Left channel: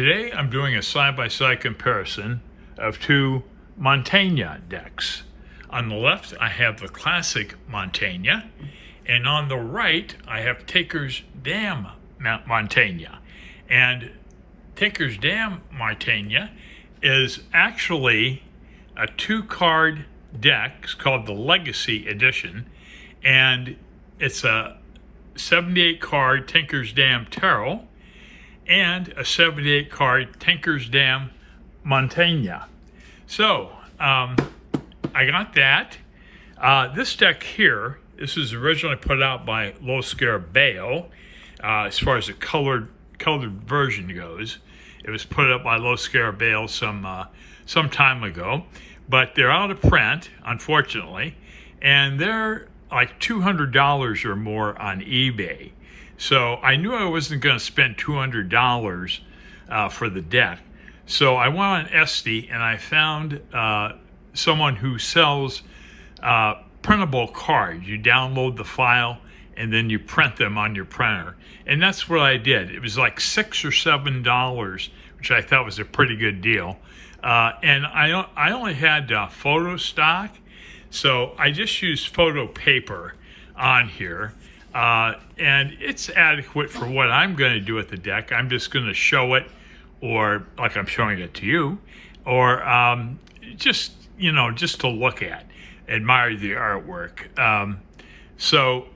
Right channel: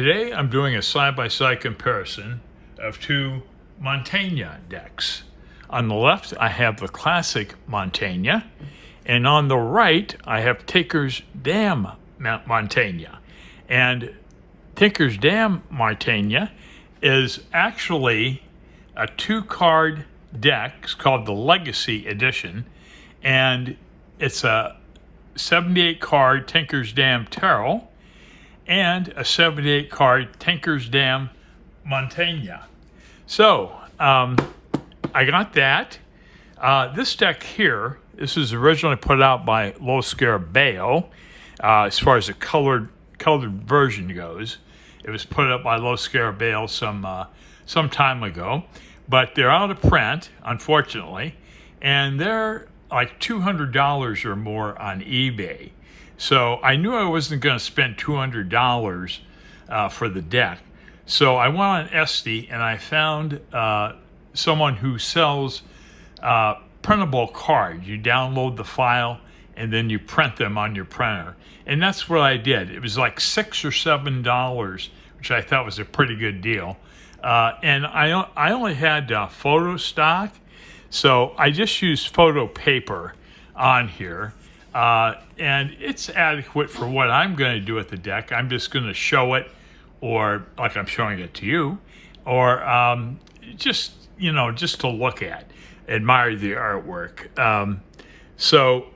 Today I'm doing a side-by-side comparison of two Mantegna decks. On the left I have the classic Mantegna, and on the right I have Tinkers Damn Mantegna. And Tinkers Damn Mantegna is actually a two-card deck. It's called the Legacy Edition, and it's a 78-card Tinkers Damn Tarot and a 78-card Tinkers Damn Mantegna. So I got that. This deck here, this is originally put out by Low Scare Bayo. As far as the colored version goes, it was put up by Low Scare Bayo some time ago, but they're out of print, unfortunately, and they're like $200 or more on eBay. So I knew I wasn't going to spend $200 for the deck. So I went on Etsy and I found someone who sells printable cards. You download the file and then you print them on your printer. And that's what I did. It was like $6 or $7, which I thought was a pretty good deal. And I only had photo stock, so I just used photo paper on here. And it's adequate for what I'm going to do with the deck. I'm just going to show it, or like I'm showing it to you, or just to look at, admire the artwork. So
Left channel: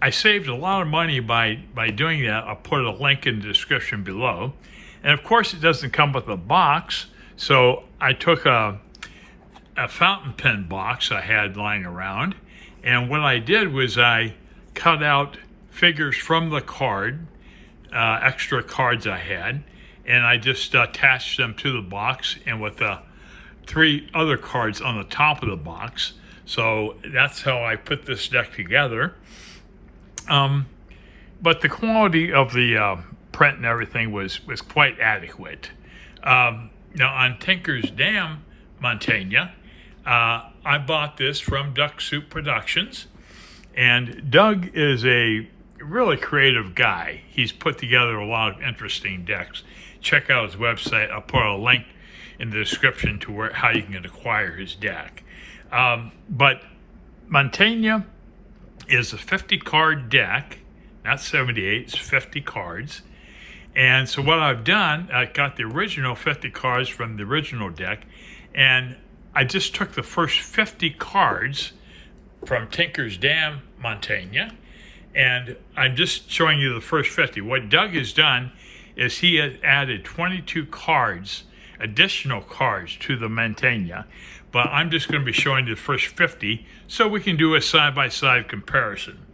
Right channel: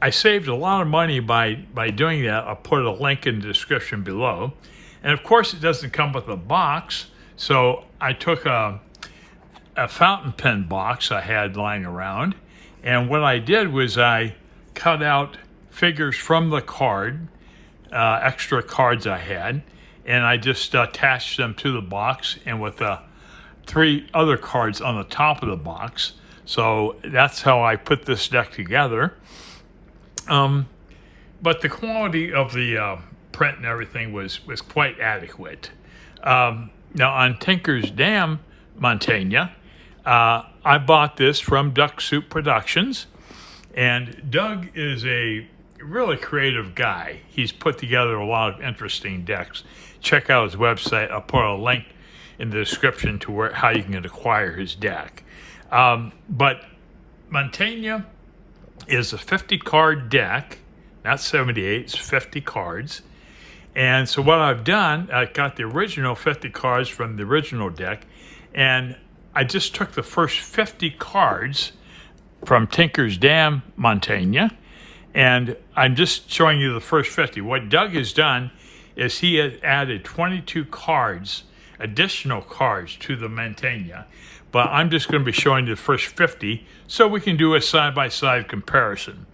I saved a lot of money by doing that. I'll put a link in the description below. And of course it doesn't come with a box, so I took a fountain pen box I had lying around, and what I did was I cut out figures from the card, extra cards I had, and I just attached them to the box, and with the 3 other cards on the top of the box. So that's how I put this deck together. But the quality of the print and everything was quite adequate. Now on Tinkers Damn Mantegna, I bought this from Duck Soup Productions, and Doug is a really creative guy. He's put together a lot of interesting decks. Check out his website. I'll put a link in the description to how you can acquire his deck. But Mantegna is a 50-card deck, not 78, it's 50 cards. And so what I've done, I got the original 50 cards from the original deck, and I just took the first 50 cards from Tinkers Damn Mantegna, and I'm just showing you the first 50. What Doug has done is he has added 22 cards, additional cards to the Mantegna, but I'm just going to be showing you the first 50 so we can do a side-by-side comparison.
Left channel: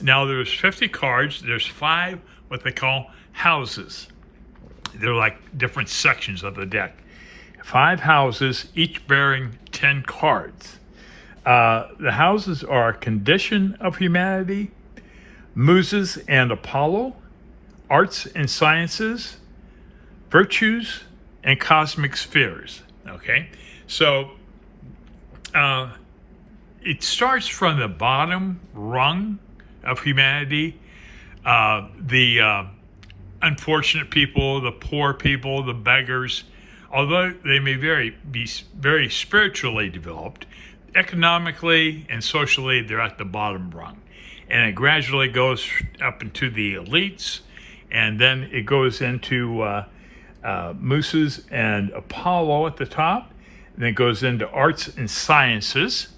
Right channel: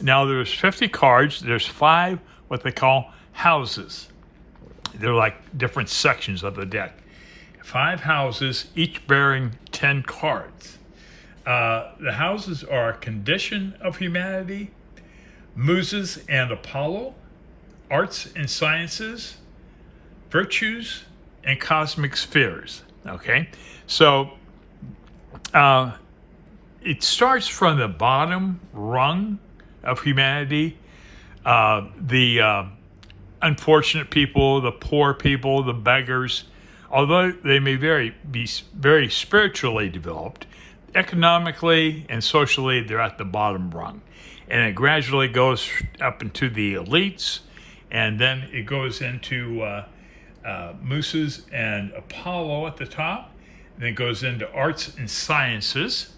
Now there's 50 cards, there's 5 what they call houses. They're like different sections of the deck. 5 houses, each bearing 10 cards. The houses are Condition of Humanity, Muses and Apollo, Arts and Sciences, Virtues, and Cosmic Spheres. Okay, so it starts from the bottom rung of humanity, the unfortunate people, the poor people, the beggars. Although they may be very spiritually developed, economically and socially they're at the bottom rung. And it gradually goes up into the elites, and then it goes into Muses and Apollo at the top, and it goes into Arts and Sciences,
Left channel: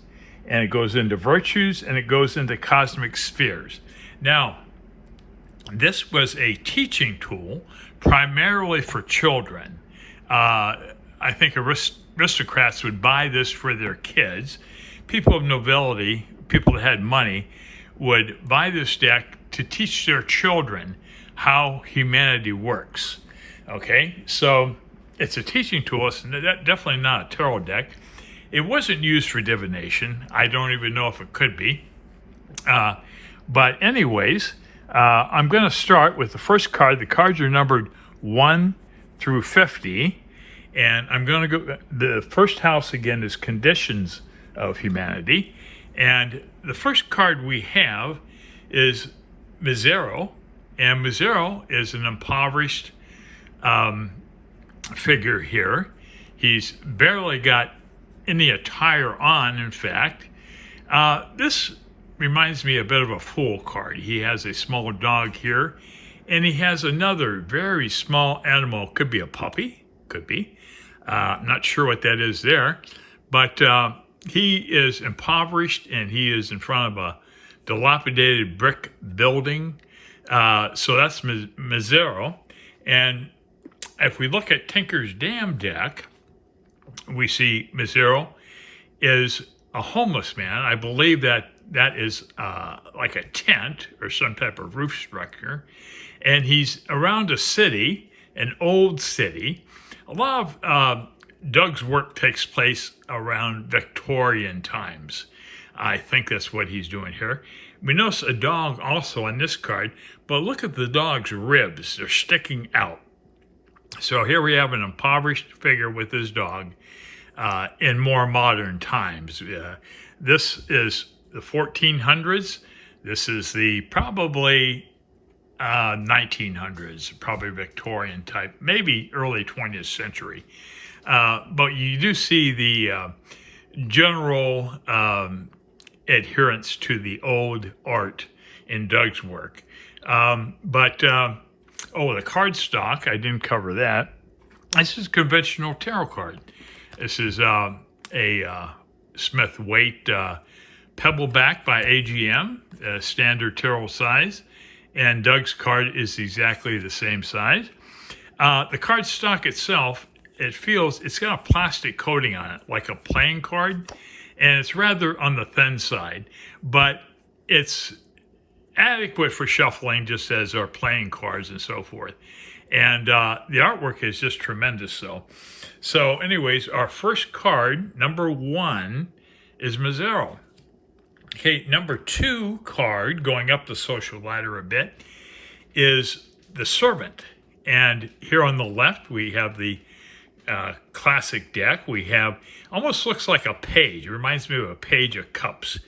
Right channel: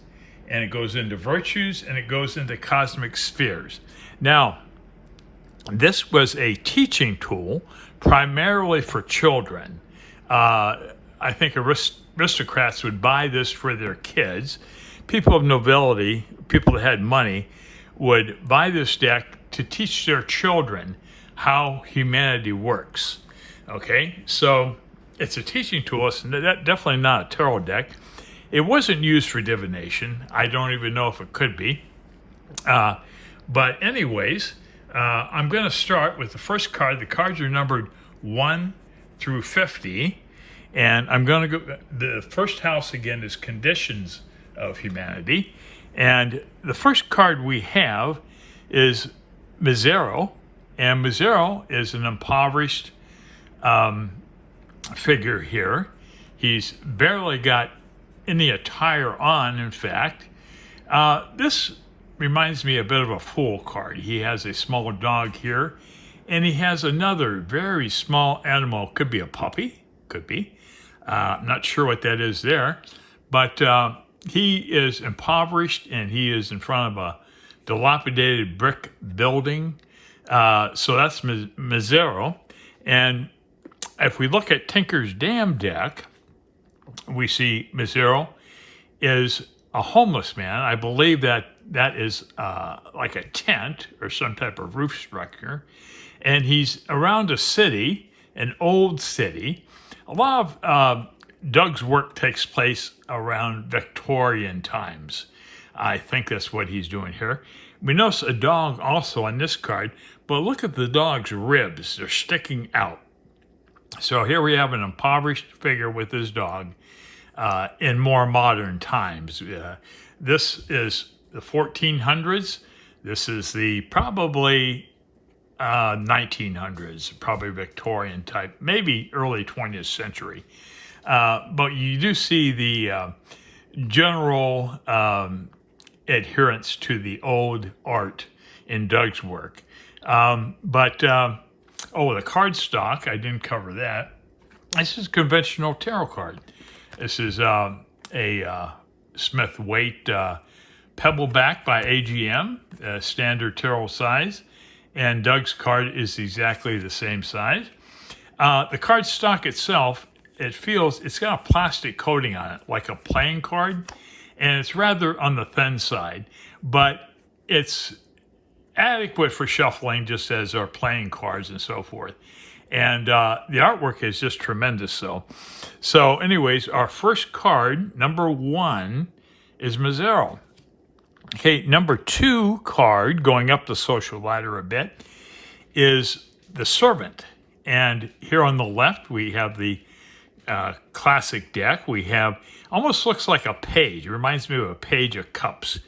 and it goes into Virtues, and it goes into Cosmic Spheres. Now, this was a teaching tool primarily for children. I think aristocrats would buy this for their kids. People of nobility, people that had money, would buy this deck to teach their children how humanity works. Okay, so it's a teaching tool. It's definitely not a tarot deck. It wasn't used for divination. I don't even know if it could be. But anyways, I'm going to start with the first card. The cards are numbered 1 through 50. And I'm going to go, the first house again is Conditions of Humanity. And the first card we have is Misero. And Misero is an impoverished figure here. He's barely got any attire on, in fact. This reminds me a bit of a fool card. He has a small dog here, and he has another very small animal. Could be a puppy, could be. I'm not sure what that is there, but he is impoverished, and he is in front of a dilapidated brick building. So that's Misero. And if we look at Tinkers Damn deck, we see Misero is a homeless man. I believe that is like a tent or some type of roof structure. And he's around a city, an old city. A lot of Doug's work takes place around Victorian times. I think that's what he's doing here. We notice a dog also on this card, but look at the dog's ribs. They're sticking out. So here we have an impoverished figure with his dog in more modern times. This is the 1400s. This is the probably 1900s, probably Victorian type, maybe early 20th century. But you do see the general adherence to the old art in Doug's work. The card stock, I didn't cover that. This is a conventional tarot card. This is a Smith Waite Pebbleback by AGM, standard tarot size. And Doug's card is exactly the same size. The card stock itself, it's got a plastic coating on it, like a playing card, and it's rather on the thin side, but it's adequate for shuffling, just as our playing cards and so forth. And the artwork is just tremendous. So anyways, our first card, number 1, is Misero. Okay, number 2 card, going up the social ladder a bit, is the Servant. And here on the left, we have the classic deck. We have, almost looks like a page. It reminds me of a page of cups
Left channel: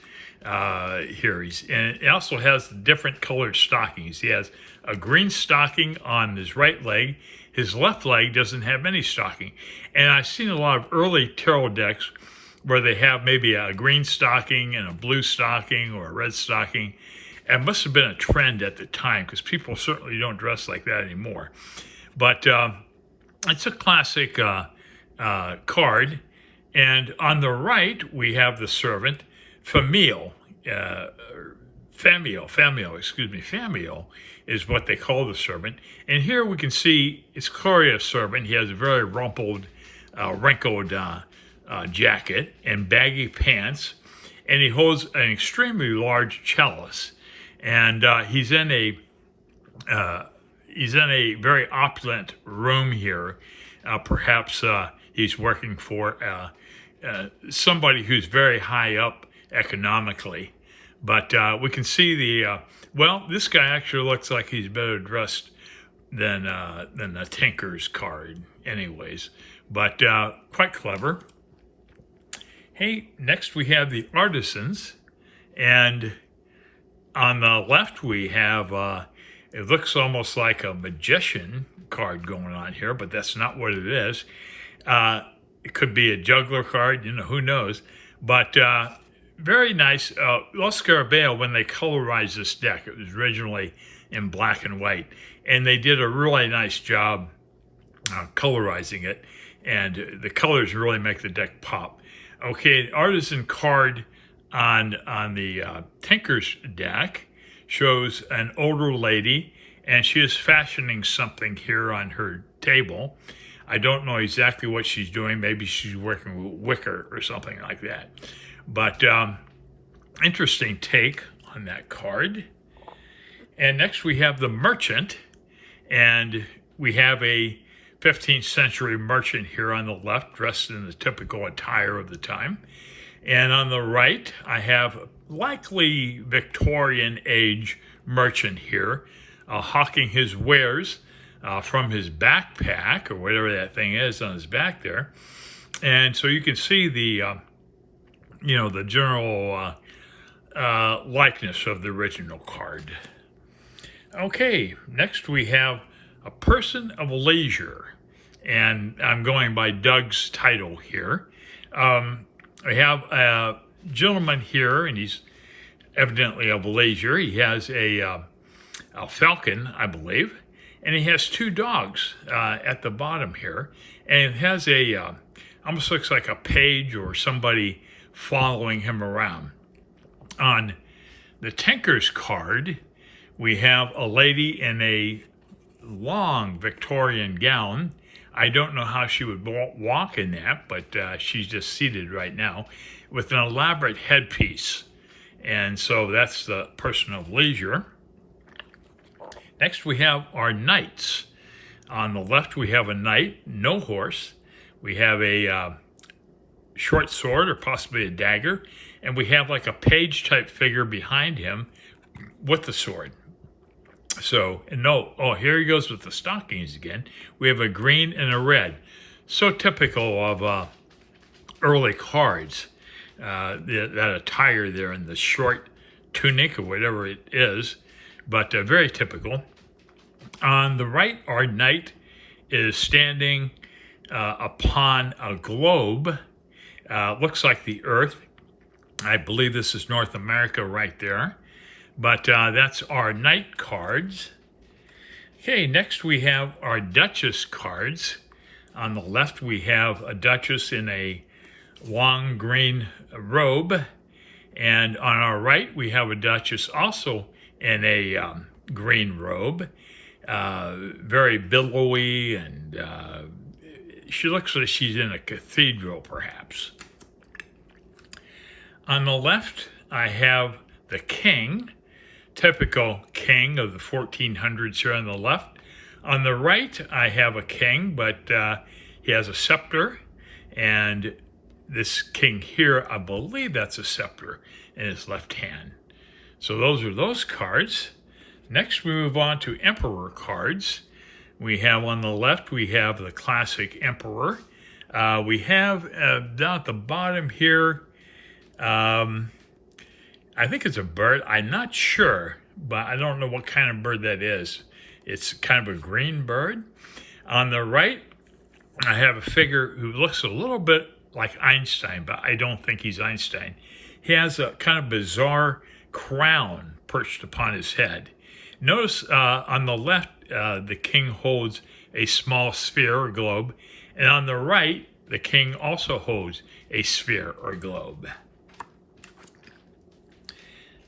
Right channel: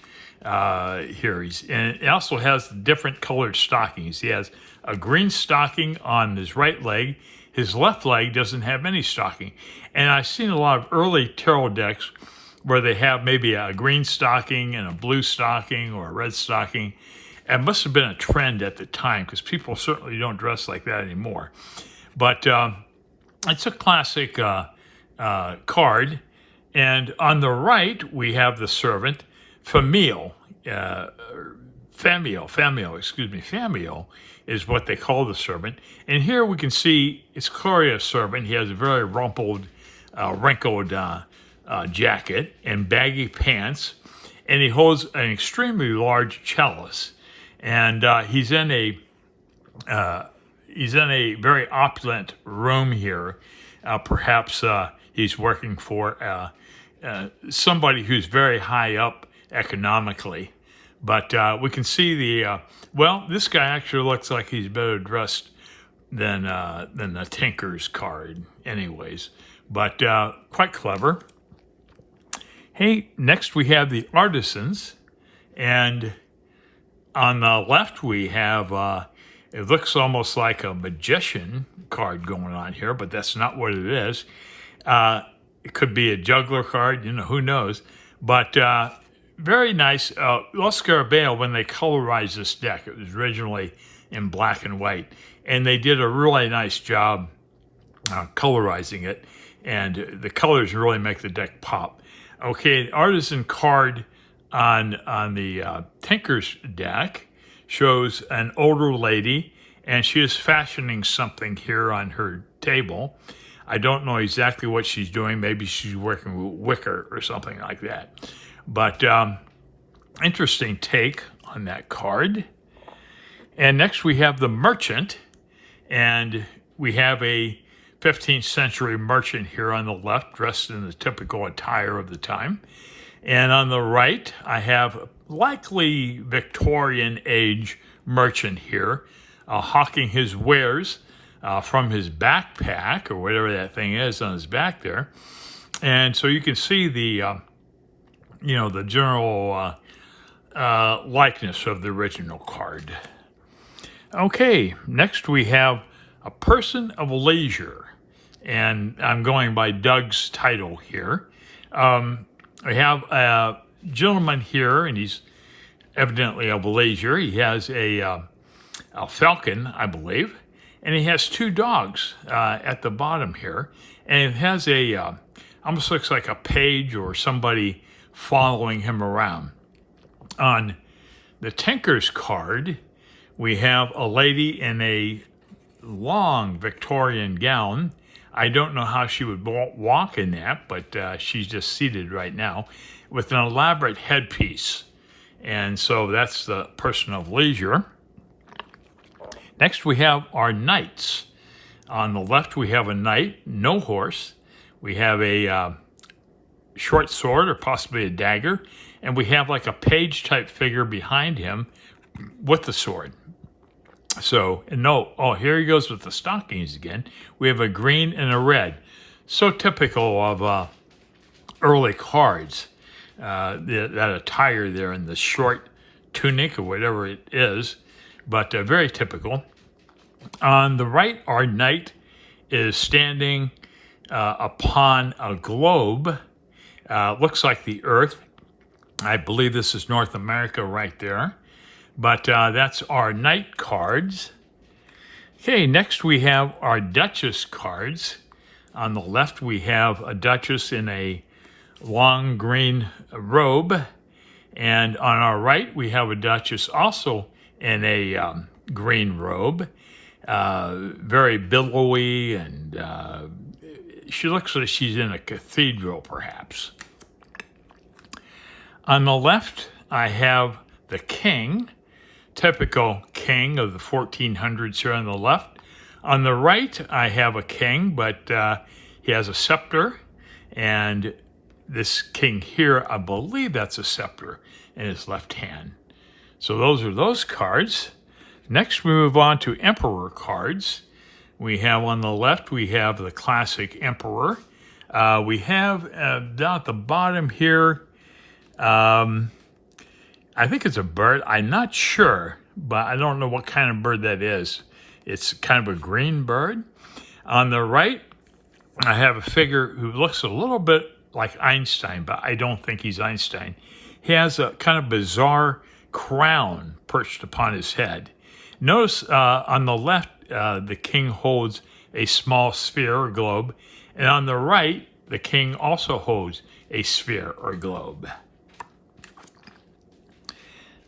here. And it also has different colored stockings. He has a green stocking on his right leg. His left leg doesn't have any stocking. And I've seen a lot of early tarot decks where they have maybe a green stocking and a blue stocking or a red stocking. It must have been a trend at the time, because people certainly don't dress like that anymore. But it's a classic card. And on the right, we have the Servant. Famiel is what they call the Servant. And here we can see it's clearly a servant. He has a very rumpled, wrinkled jacket and baggy pants, and he holds an extremely large chalice. And he's in a very opulent room here. Perhaps he's working for somebody who's very high up economically. But we can see this guy actually looks like he's better dressed than the Tinker's card anyways. But quite clever. Hey, next we have the Artisans. And on the left we have, it looks almost like a magician card going on here, but that's not what it is. It could be a juggler card, who knows. But very nice. Los Scarabeo, when they colorized this deck, it was originally in black and white. And they did a really nice job colorizing it. And the colors really make the deck pop. Okay, an artisan card on the Tinker's deck shows an older lady, and she is fashioning something here on her table. I don't know exactly what she's doing. Maybe she's working with wicker or something like that. But interesting take on that card. And next we have the Merchant, and we have a 15th century merchant here on the left, dressed in the typical attire of the time. And on the right, I have likely Victorian age merchant here, hawking his wares from his backpack, or whatever that thing is on his back there. And so you can see the general likeness of the original card. Okay, next we have a person of leisure. And I'm going by Doug's title here. I have a gentleman here, and he's evidently of leisure. He has a falcon, I believe, and he has two dogs at the bottom here. And it has almost looks like a page or somebody following him around. On the Tinkers card, we have a lady in a long Victorian gown. I don't know how she would walk in that, but she's just seated right now with an elaborate headpiece. And so that's the person of leisure. Next, we have our knights. On the left, we have a knight, no horse. We have a short sword or possibly a dagger. And we have like a page-type figure behind him with the sword. So, here he goes with the stockings again. We have a green and a red. So typical of early cards. That attire there in the short tunic or whatever it is, but very typical. On the right, our knight is standing upon a globe. Looks like the Earth. I believe this is North America right there. But that's our knight cards. Okay, next we have our Duchess cards. On the left, we have a Duchess in a long green robe. And on our right, we have a Duchess also in a green robe. Very billowy, and she looks like she's in a cathedral, perhaps. On the left, I have the king. Typical king of the 1400s here on the left. On the right, I have a king, but he has a scepter. And this king here, I believe that's a scepter in his left hand. So those are those cards. Next, we move on to emperor cards. We have on the left, we have the classic emperor. We have down at the bottom here, I think it's a bird. I'm not sure, but I don't know what kind of bird that is. It's kind of a green bird. On the right, I have a figure who looks a little bit like Einstein, but I don't think he's Einstein. He has a kind of bizarre crown perched upon his head. Notice on the left, the king holds a small sphere or globe, and on the right, the king also holds a sphere or globe.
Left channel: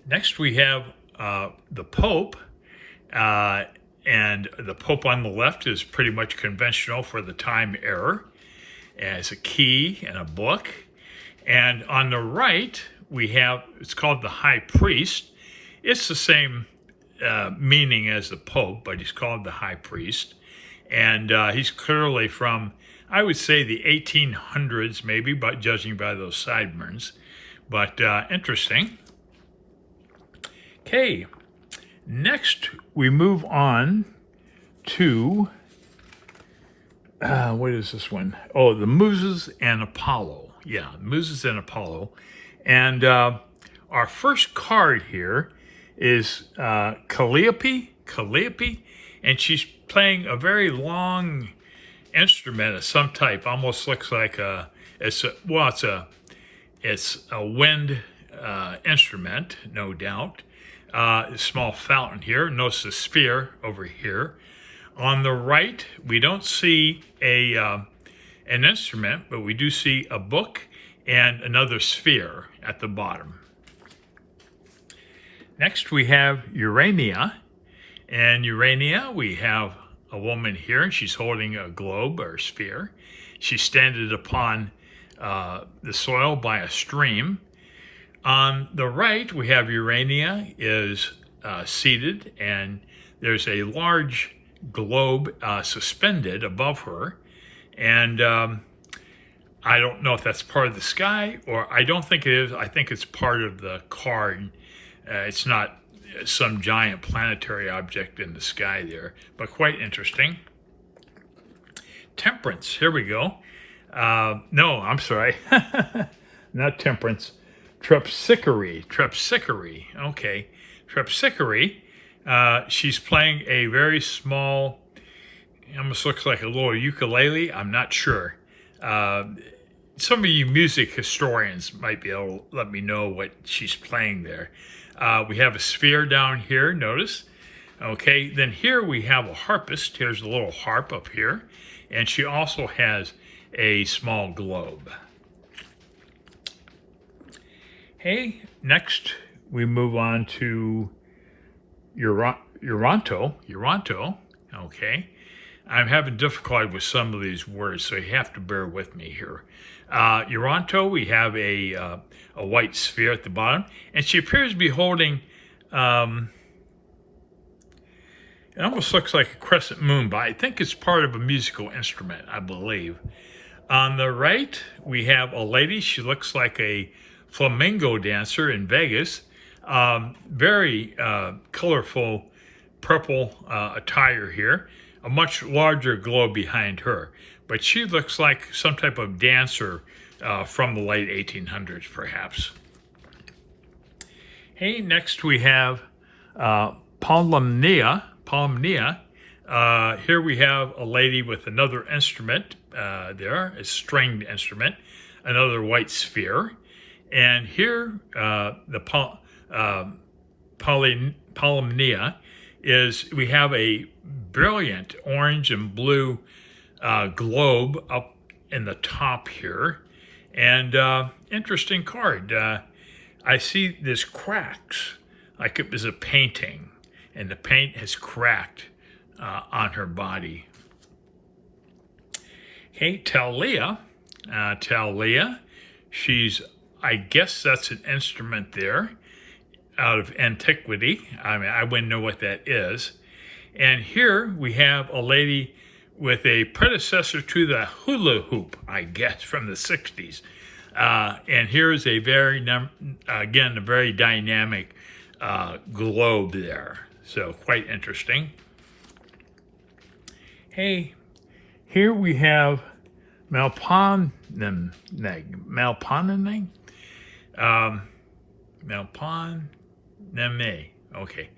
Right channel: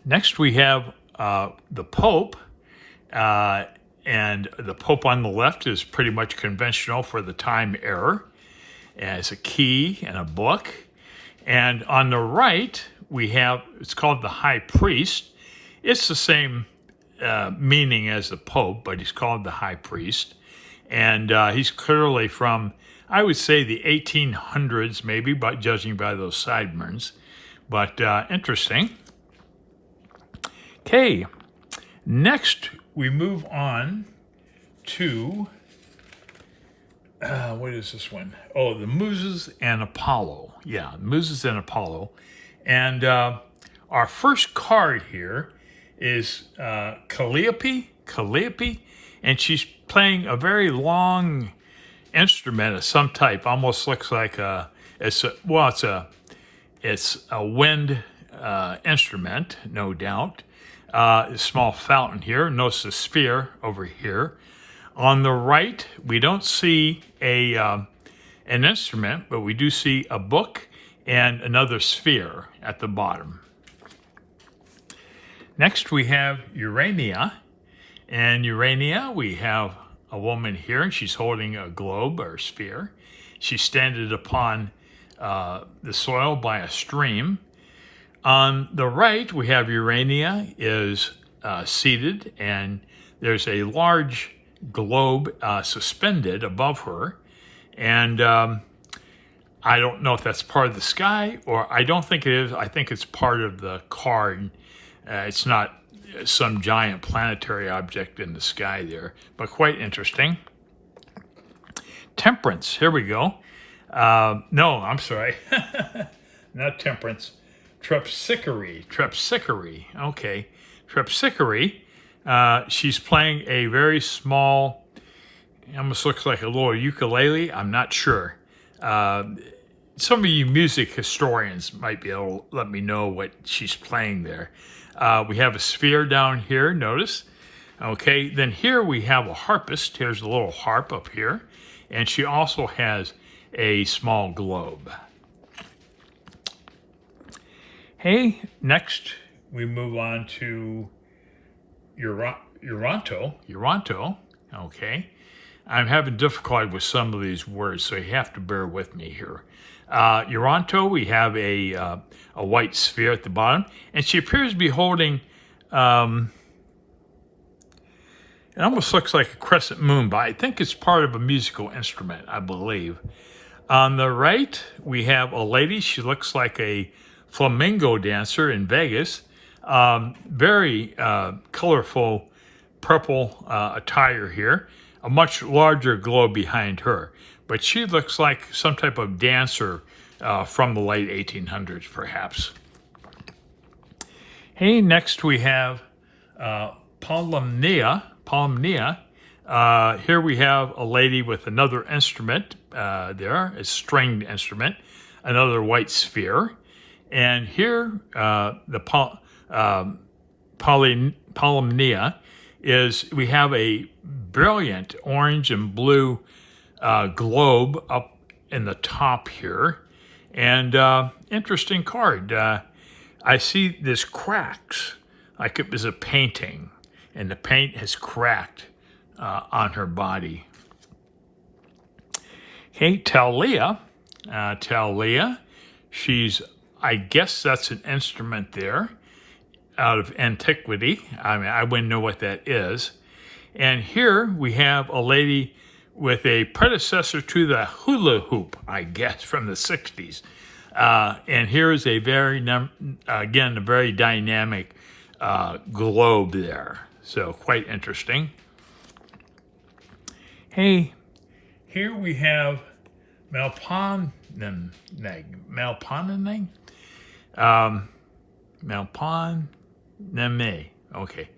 Next, we have the Pope, and the Pope on the left is pretty much conventional for the time era. It has a key and a book. And on the right, we have, it's called the High Priest. It's the same meaning as the Pope, but he's called the High Priest. And he's clearly from, I would say, the 1800s, maybe, but judging by those sideburns. But interesting. Okay, next we move on to, what is this one? Oh, the Muses and Apollo. Yeah, Muses and Apollo. And our first card here is Calliope, and she's playing a very long instrument of some type. Almost looks like it's a wind instrument, no doubt. A small fountain here. Notice the sphere over here. On the right, we don't see an instrument, but we do see a book and another sphere at the bottom. Next, we have Urania. And Urania, we have a woman here, and she's holding a globe or sphere. She's standing upon the soil by a stream. On the right, we have Urania is seated, and there's a large globe suspended above her. And I don't know if that's part of the sky, or I don't think it is. I think it's part of the card. It's not some giant planetary object in the sky there, but quite interesting. Temperance, here we go. No, I'm sorry. Not temperance. Terpsichore. Okay. Terpsichore. She's playing a very small It almost looks like a little ukulele. I'm not sure. Some of you music historians might be able to let me know what she's playing there. We have a sphere down here, notice. Okay, then here we have a harpist. Here's a little harp up here. And she also has a small globe. Hey, next we move on to Uranto. Okay. I'm having difficulty with some of these words, so you have to bear with me here. Uranto, we have a white sphere at the bottom, and she appears to be holding, it almost looks like a crescent moon, but I think it's part of a musical instrument, I believe. On the right, we have a lady. She looks like a flamenco dancer in Vegas. Very colorful purple attire here. A much larger globe behind her. But she looks like some type of dancer from the late 1800s, perhaps. Hey, next we have Polymnia. Here we have a lady with another instrument there, a stringed instrument, another white sphere. And here, the Polymnia is, we have a brilliant orange and blue globe up in the top here. And interesting card. I see this cracks, like it was a painting, and the paint has cracked on her body. Okay, Thalia. She's, I guess that's an instrument there out of antiquity. I mean, I wouldn't know what that is. And here we have a lady with a predecessor to the hula hoop, I guess, from the 60s. And here's a very, again, a very dynamic globe there. So quite interesting. Hey, here we have Malpanene. Okay.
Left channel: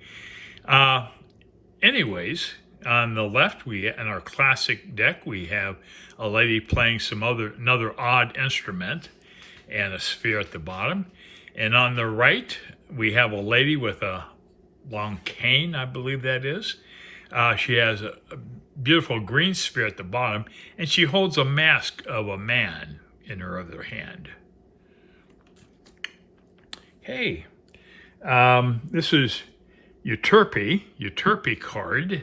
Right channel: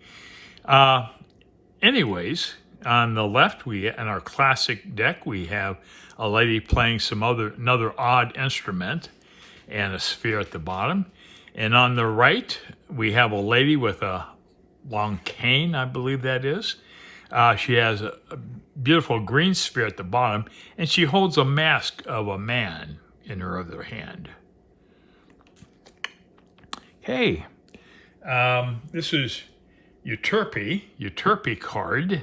Anyways, on the left, in our classic deck, we have a lady playing another odd instrument and a sphere at the bottom. And on the right, we have a lady with a long cane, I believe that is. She has a beautiful green sphere at the bottom, and she holds a mask of a man in her other hand. Hey, this is Euterpe card,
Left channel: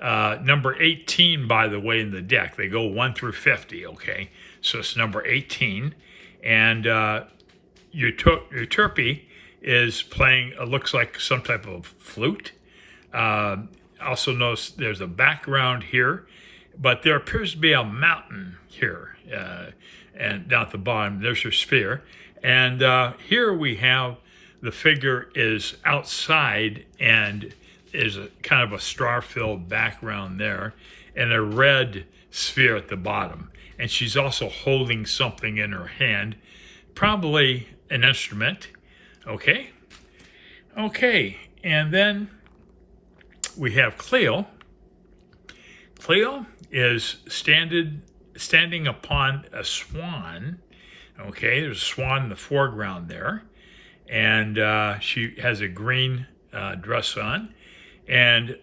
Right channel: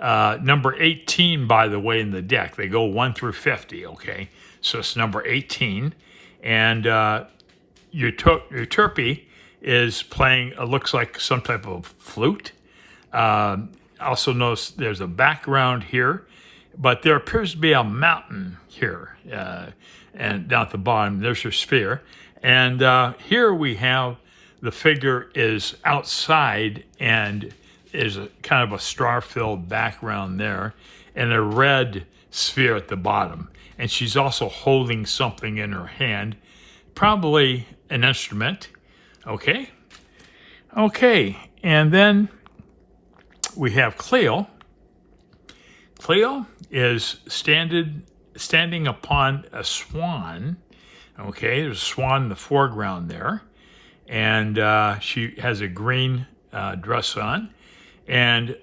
number 18, by the way, in the deck. They go 1 through 50, okay? So it's number 18. And Euterpe is playing, it looks like some type of flute. Also notice there's a background here, but there appears to be a mountain here. And down at the bottom, there's her sphere. And here we have the figure is outside and is kind of a star-filled background there, and a red sphere at the bottom. And she's also holding something in her hand, probably an instrument. Okay, and then we have Cleo. Cleo is standing upon a swan. Okay, there's a swan in the foreground there. And she has a green dress on. And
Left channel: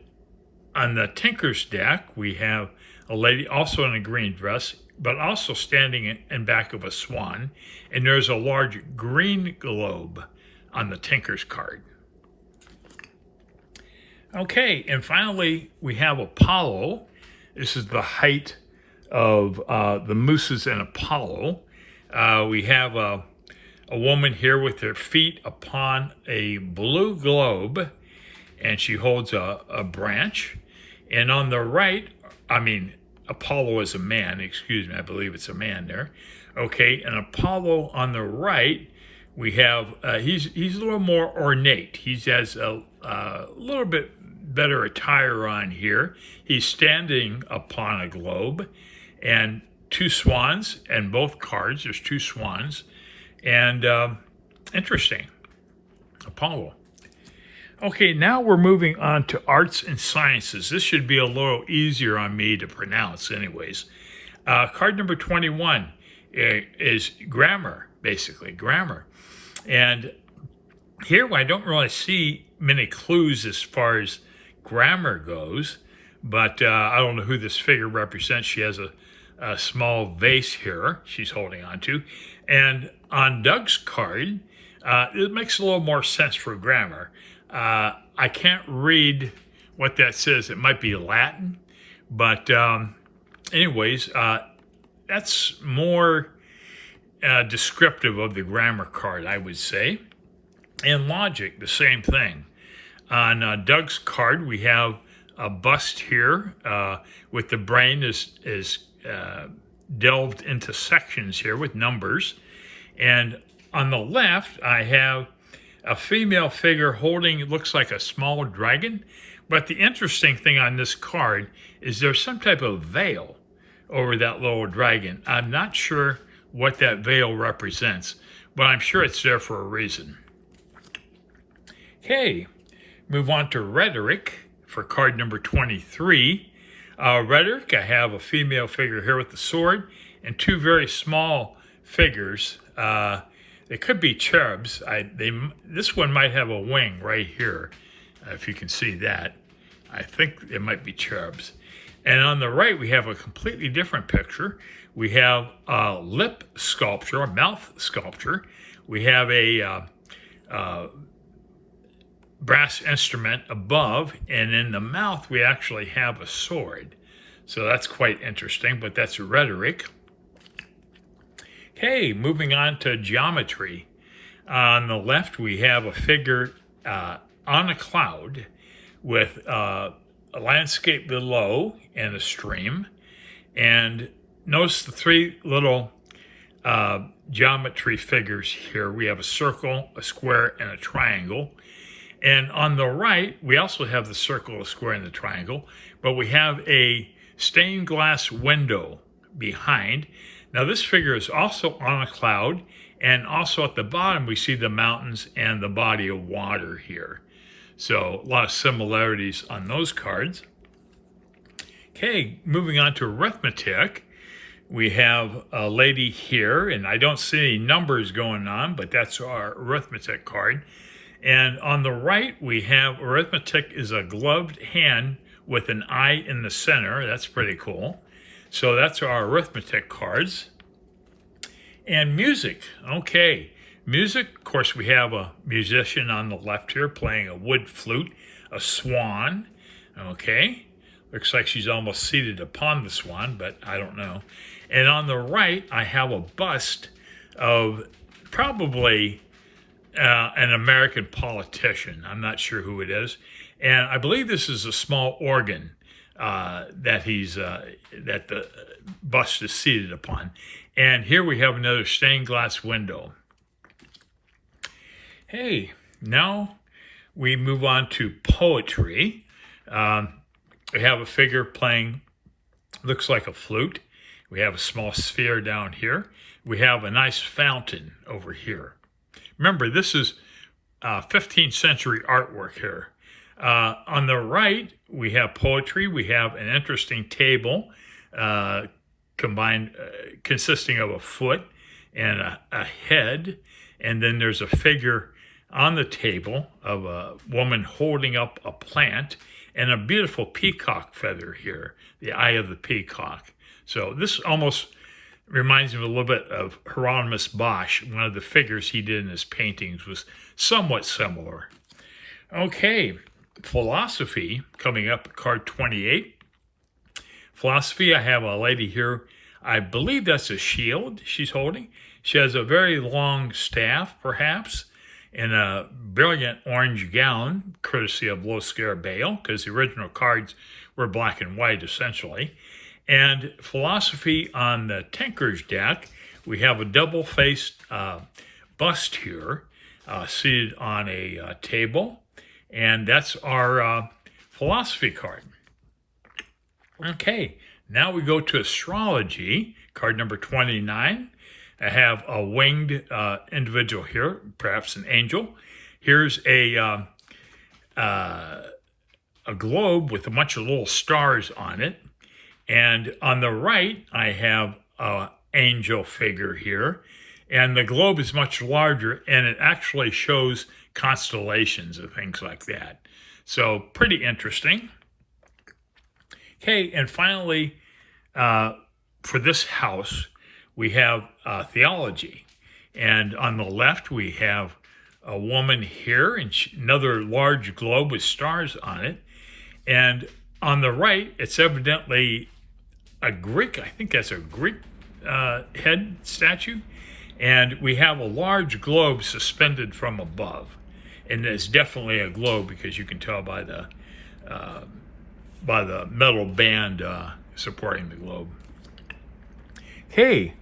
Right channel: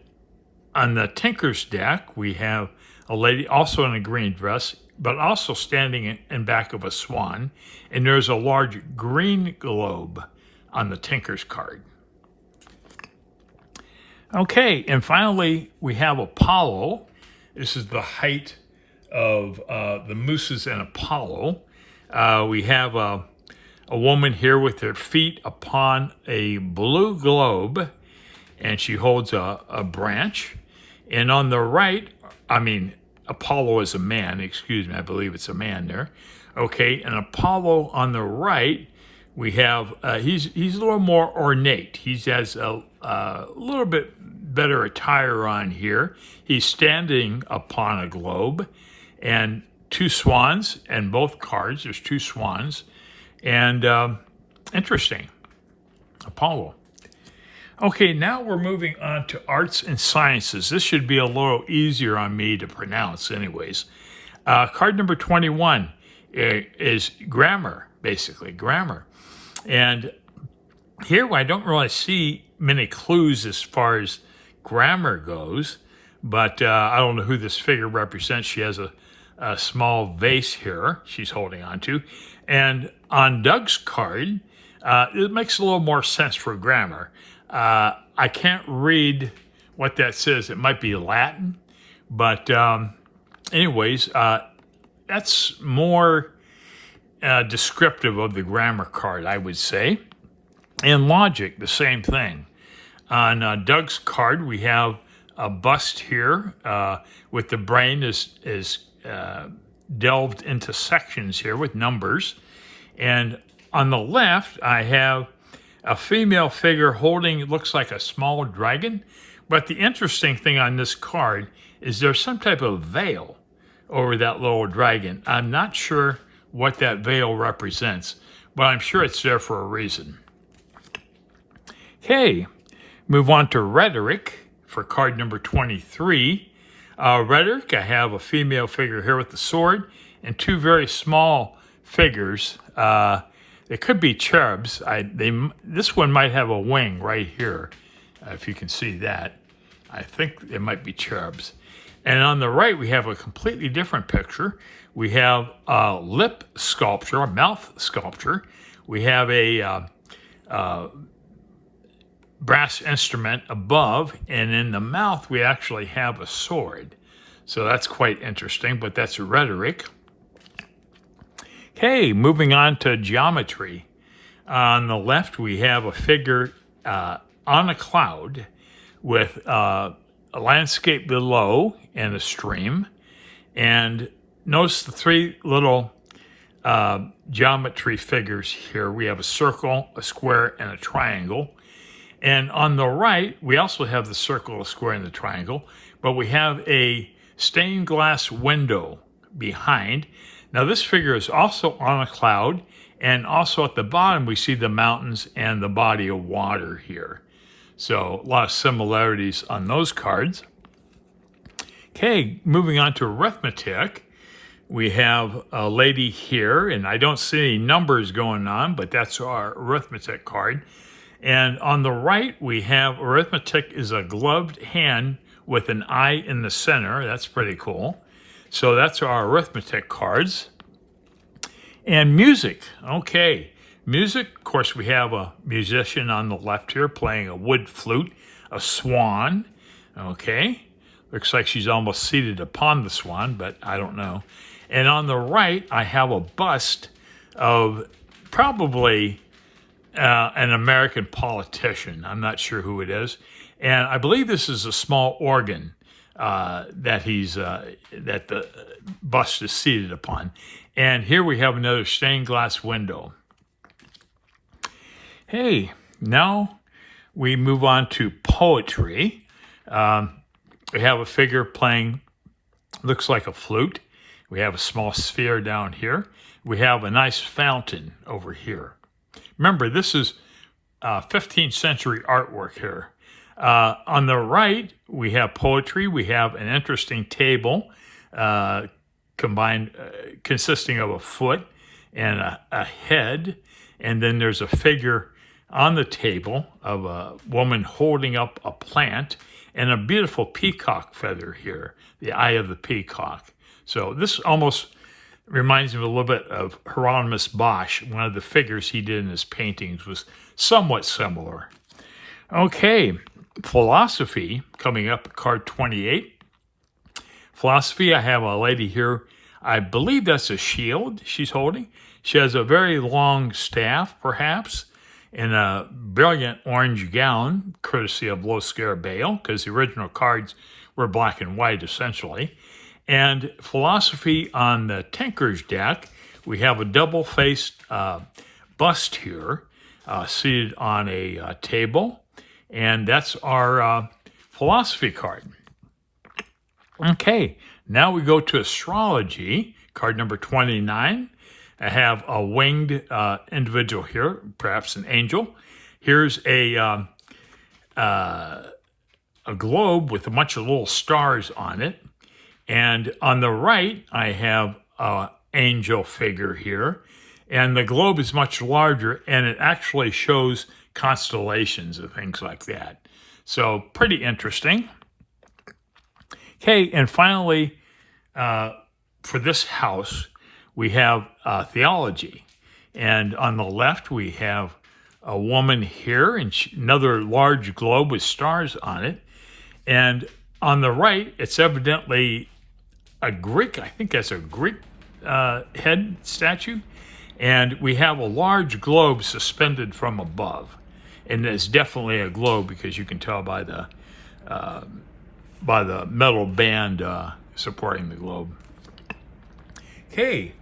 on the Tinkers deck, we have a lady also in a green dress, but also standing in back of a swan. And there's a large green globe on the Tinkers card. Okay, and finally, we have Apollo. This is the height of the mooses and Apollo. We have a woman here with her feet upon a blue globe, and she holds a branch. And on the right, Apollo is a man, excuse me, I believe it's a man there. Okay, and Apollo on the right, we have, he's a little more ornate. He has a little bit better attire on here. He's standing upon a globe, and two swans, and both cards, there's two swans. And interesting, Apollo. Okay, now we're moving on to arts and sciences. This should be a little easier on me to pronounce, anyways. Card number 21 is grammar, basically, grammar. And here I don't really see many clues as far as grammar goes, but I don't know who this figure represents. She has a small vase here she's holding on to. And on Doug's card, it makes a little more sense for grammar. I can't read what that says. It might be Latin, but anyways, that's more descriptive of the grammar card, I would say. And logic, the same thing. On Doug's card, we have a bust here with the brain is delved into sections here with numbers. And on the left, I have a female figure holding, it looks like a small dragon. But the interesting thing on this card is there's some type of veil over that little dragon. I'm not sure what that veil represents, but I'm sure it's there for a reason. Okay, move on to rhetoric for card number 23. Rhetoric, I have a female figure here with the sword and two very small figures. They could be cherubs. This one might have a wing right here, if you can see that. I think it might be cherubs. And on the right, we have a completely different picture. We have a lip sculpture, a mouth sculpture. We have a brass instrument above, and in the mouth, we actually have a sword. So that's quite interesting, but that's rhetoric. Okay, moving on to geometry. On the left, we have a figure on a cloud with a landscape below and a stream. And notice the three little geometry figures here. We have a circle, a square, and a triangle. And on the right, we also have the circle, the square, and the triangle, but we have a stained glass window behind. Now this figure is also on a cloud, and also at the bottom we see the mountains and the body of water here. So a lot of similarities on those cards. Okay, moving on to arithmetic. We have a lady here, and I don't see any numbers going on, but that's our arithmetic card. And on the right, we have arithmetic is a gloved hand with an eye in the center. That's pretty cool. So that's our arithmetic cards. And music. Okay. Music, of course, we have a musician on the left here playing a wood flute, a swan. Okay. Looks like she's almost seated upon the swan, but I don't know. And on the right, I have a bust of probably an American politician. I'm not sure who it is. And I believe this is a small organ that the bust is seated upon. And here we have another stained glass window. Hey, now we move on to poetry. We have a figure playing, looks like a flute. We have a small sphere down here. We have a nice fountain over here. Remember, this is 15th century artwork here. On the right, we have poetry. We have an interesting table consisting of a foot and a head. And then there's a figure on the table of a woman holding up a plant and a beautiful peacock feather here, the eye of the peacock. So this almost reminds me a little bit of Hieronymus Bosch. One of the figures he did in his paintings was somewhat similar. Okay, philosophy, coming up at card 28. Philosophy, I have a lady here. I believe that's a shield she's holding. She has a very long staff, perhaps, and a brilliant orange gown, courtesy of Low Scare Bale, because the original cards were black and white, essentially. And philosophy on the Tinkers deck, we have a double-faced bust here, seated on a table, and that's our philosophy card. Okay, now we go to astrology, card number 29. I have a winged individual here, perhaps an angel. Here's a a globe with a bunch of little stars on it. And on the right, I have an angel figure here. And the globe is much larger, and it actually shows constellations and things like that. So pretty interesting. Okay, and finally, for this house, we have theology. And on the left, we have a woman here, and another large globe with stars on it. And on the right, it's evidently a Greek, I think that's a Greek head statue. And we have a large globe suspended from above. And it's definitely a globe because you can tell by the metal band supporting the globe. Okay,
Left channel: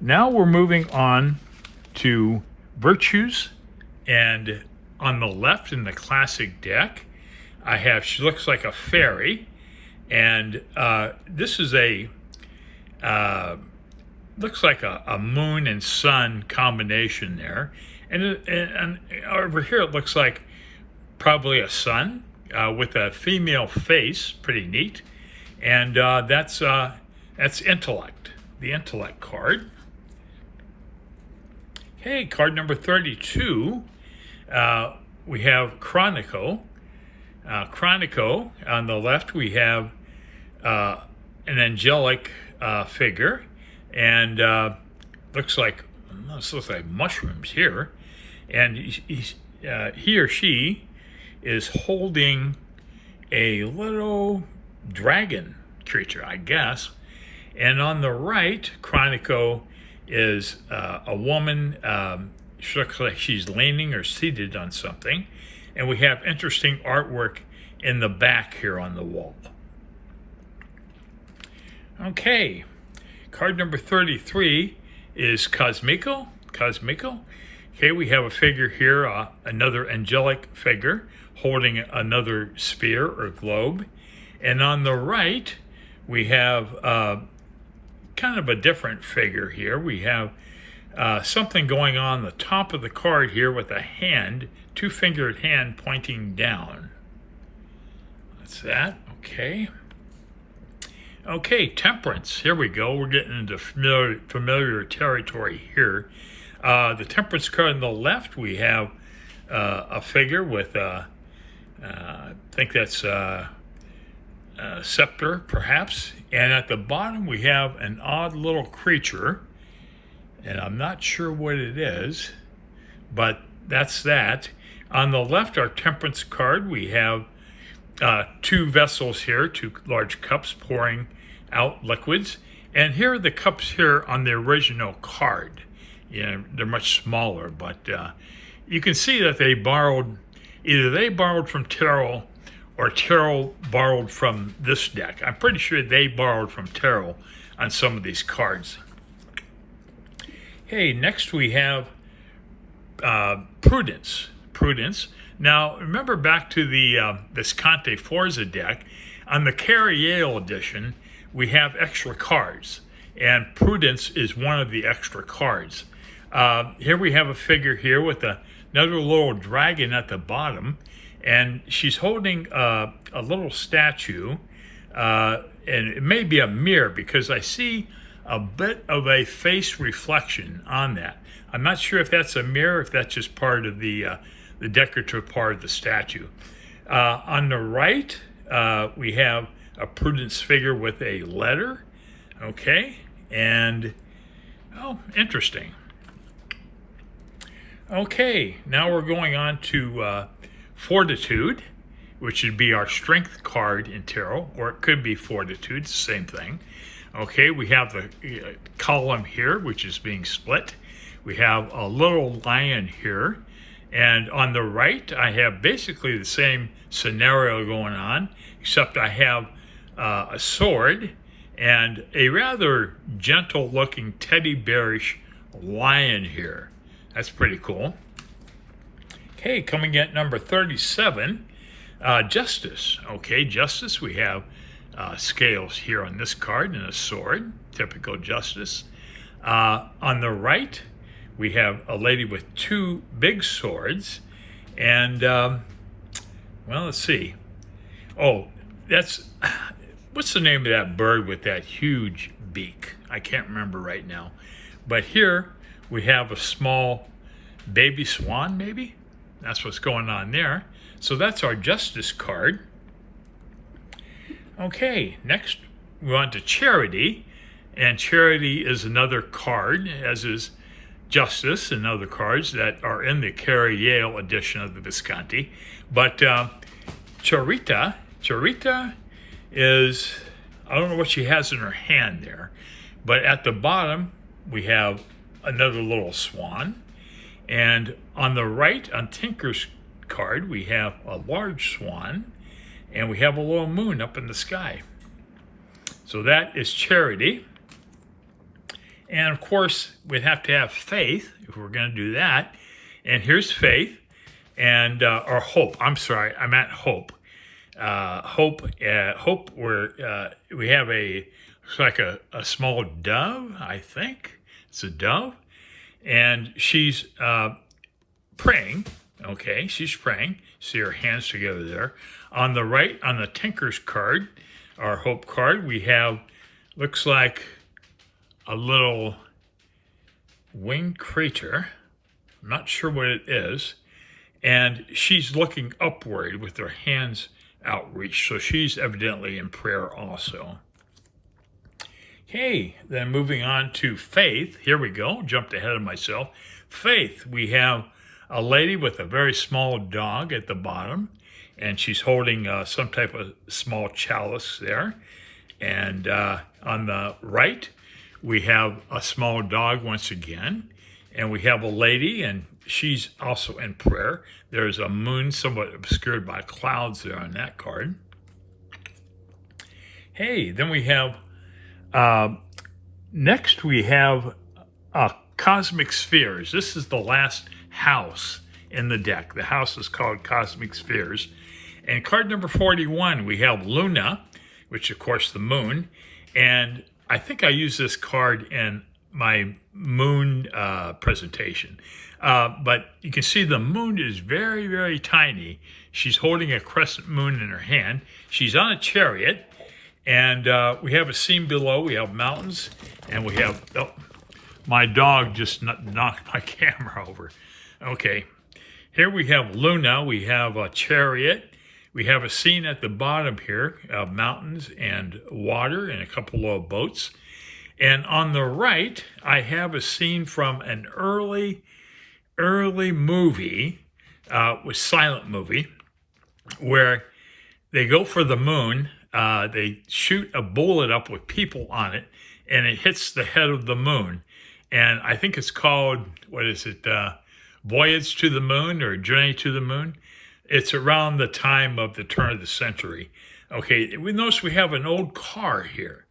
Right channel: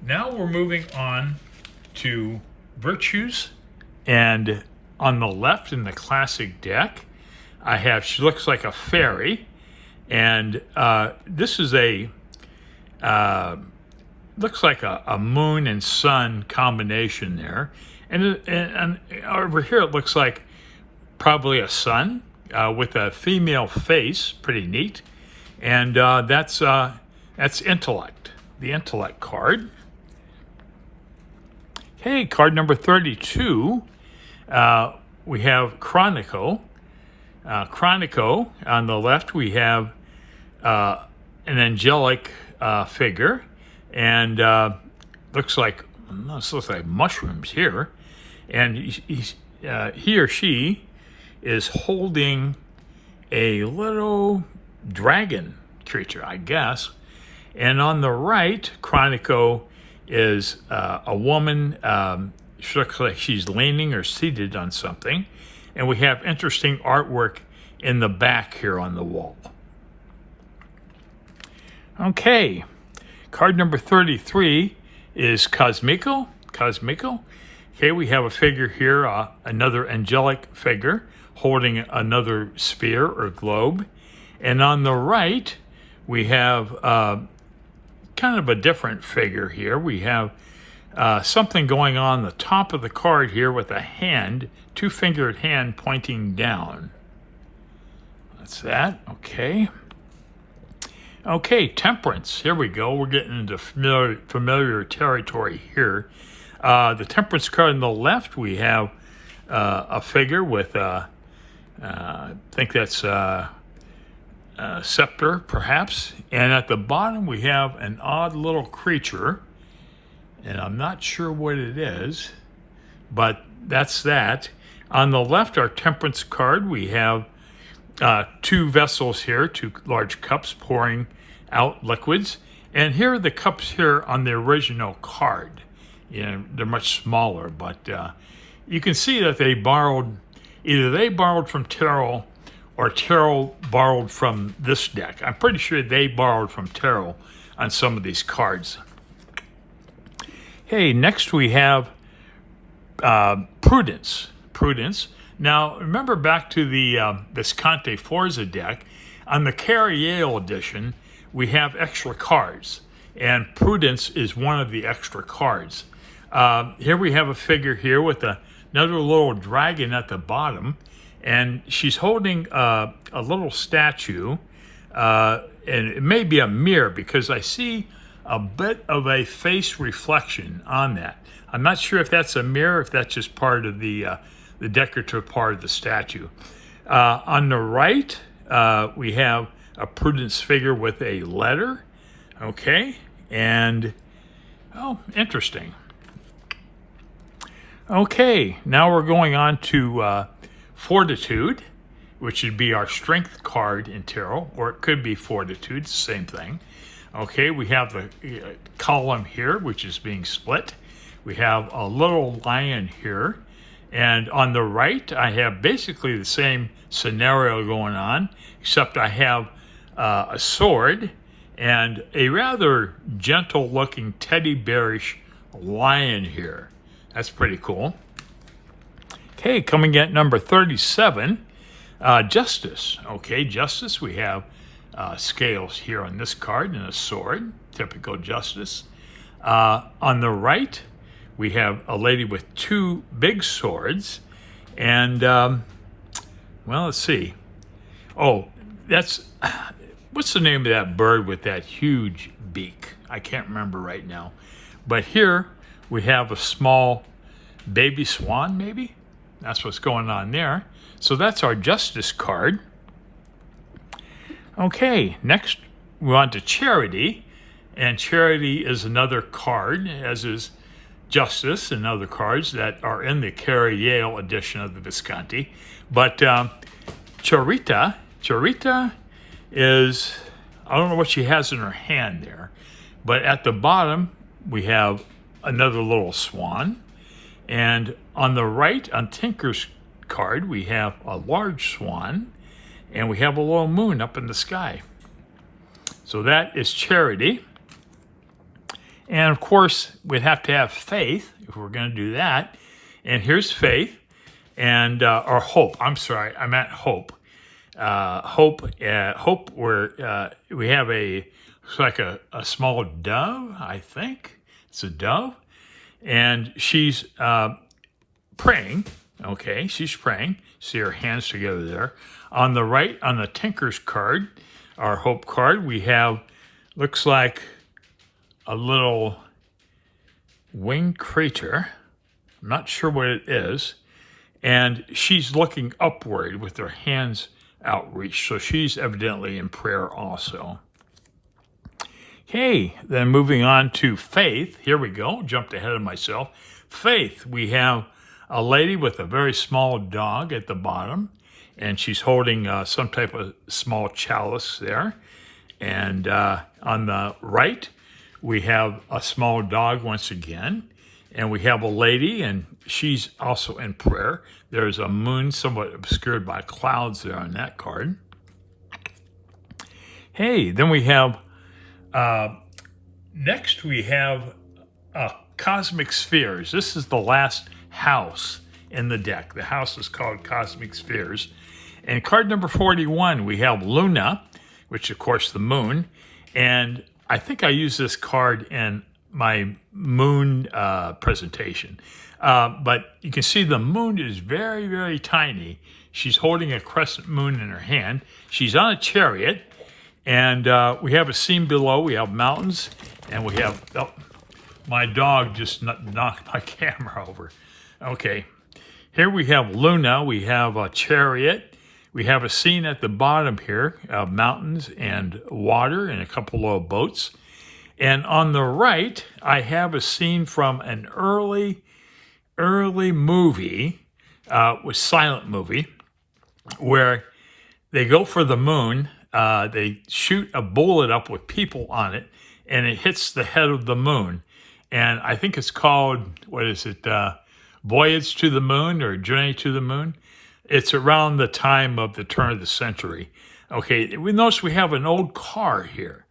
now we're moving on to virtues. And on the left in the classic deck, I have, she looks like a fairy. And this is looks like a moon and sun combination there. And over here it looks like probably a sun with a female face, pretty neat. And that's intellect, the intellect card. Okay, card number 32, we have Chronico. Chronico, on the left we have an angelic figure, and looks like mushrooms here. And he or she is holding a little dragon creature, I guess. And on the right, Chronico is a woman. She looks like she's leaning or seated on something. And we have interesting artwork in the back here on the wall. Okay, card number 33 is Cosmico. Okay, we have a figure here, another angelic figure holding another sphere or globe. And on the right, we have kind of a different figure here. We have something going on the top of the card here with a hand, two-fingered hand pointing down. That's that, okay. Okay, temperance, here we go. We're getting into familiar territory here. The temperance card on the left, we have a figure with, I think that's a scepter, perhaps. And at the bottom, we have an odd little creature. And I'm not sure what it is, but that's that. On the left, our temperance card, we have two vessels here, two large cups pouring out liquids. And here are the cups here on the original card. You know, they're much smaller, but you can see that either they borrowed from tarot or tarot borrowed from this deck. I'm pretty sure they borrowed from tarot on some of these cards. Okay, next we have Prudence. Now, remember back to the Visconti Forza deck. On the Carriel edition, we have extra cards, and Prudence is one of the extra cards. Here we have a figure here with another little dragon at the bottom, and she's holding a little statue, and it may be a mirror because I see a bit of a face reflection on that. I'm not sure if that's a mirror, if that's just part of the decorative part of the statue. On the right, we have a Prudence figure with a letter. Okay, and oh, interesting. Okay, now we're going on to Fortitude, which would be our strength card in tarot, or it could be Fortitude, it's the same thing. Okay, we have the column here, which is being split. We have a little lion here. And on the right, I have basically the same scenario going on, except I have a sword and a rather gentle-looking teddy bearish lion here. That's pretty cool. Okay, coming at number 37, Justice. Okay, Justice, we have scales here on this card and a sword, typical Justice. On the right, we have a lady with two big swords, and Well, let's see. Oh, that's, what's the name of that bird with that huge beak? I can't remember right now. But here we have a small baby swan, maybe? That's what's going on there. So that's our justice card. Okay, next we're on to charity. And charity is another card, as is justice and other cards that are in the Carrie Yale edition of the Visconti. But Charita is, I don't know what she has in her hand there, but at the bottom we have another little swan. And on the right, on Tinker's card, we have a large swan, and we have a little moon up in the sky. So that is charity. And of course, we'd have to have faith if we're going to do that. And here's faith, and or hope. I'm sorry, I meant hope. Hope. Where we have it's like a small dove. I think it's a dove, and she's praying. Okay, she's praying. See her hands together there. On the right, on the Tinker's card, our hope card, we have looks like a little winged creature. I'm not sure what it is. And she's looking upward with her hands outreached. So she's evidently in prayer also. Okay, then moving on to faith. Here we go. Jumped ahead of myself. Faith. We have a lady with a very small dog at the bottom. And she's holding some type of small chalice there. And on the right, we have a small dog once again, and we have a lady, and she's also in prayer. There's a moon somewhat obscured by clouds there on that card. Hey, then we have, next we have Cosmic Spheres. This is the last house in the deck. The house is called Cosmic Spheres. And card number 41, we have Luna, which of course the moon, and I think I used this card in my moon presentation. But you can see the moon is very, very tiny. She's holding a crescent moon in her hand. She's on a chariot. And we have a scene below. We have mountains. And we have, oh, my dog just knocked my camera over. Okay. Here we have Luna. We have a chariot. We have a scene at the bottom here of mountains and water and a couple of boats. And on the right, I have a scene from an early movie, was silent movie, where they go for the moon. They shoot a bullet up with people on it, and it hits the head of the moon. And I think it's called, what is it, Voyage to the Moon or Journey to the Moon? It's around the time of the turn of the century. Okay, we notice we have an old car here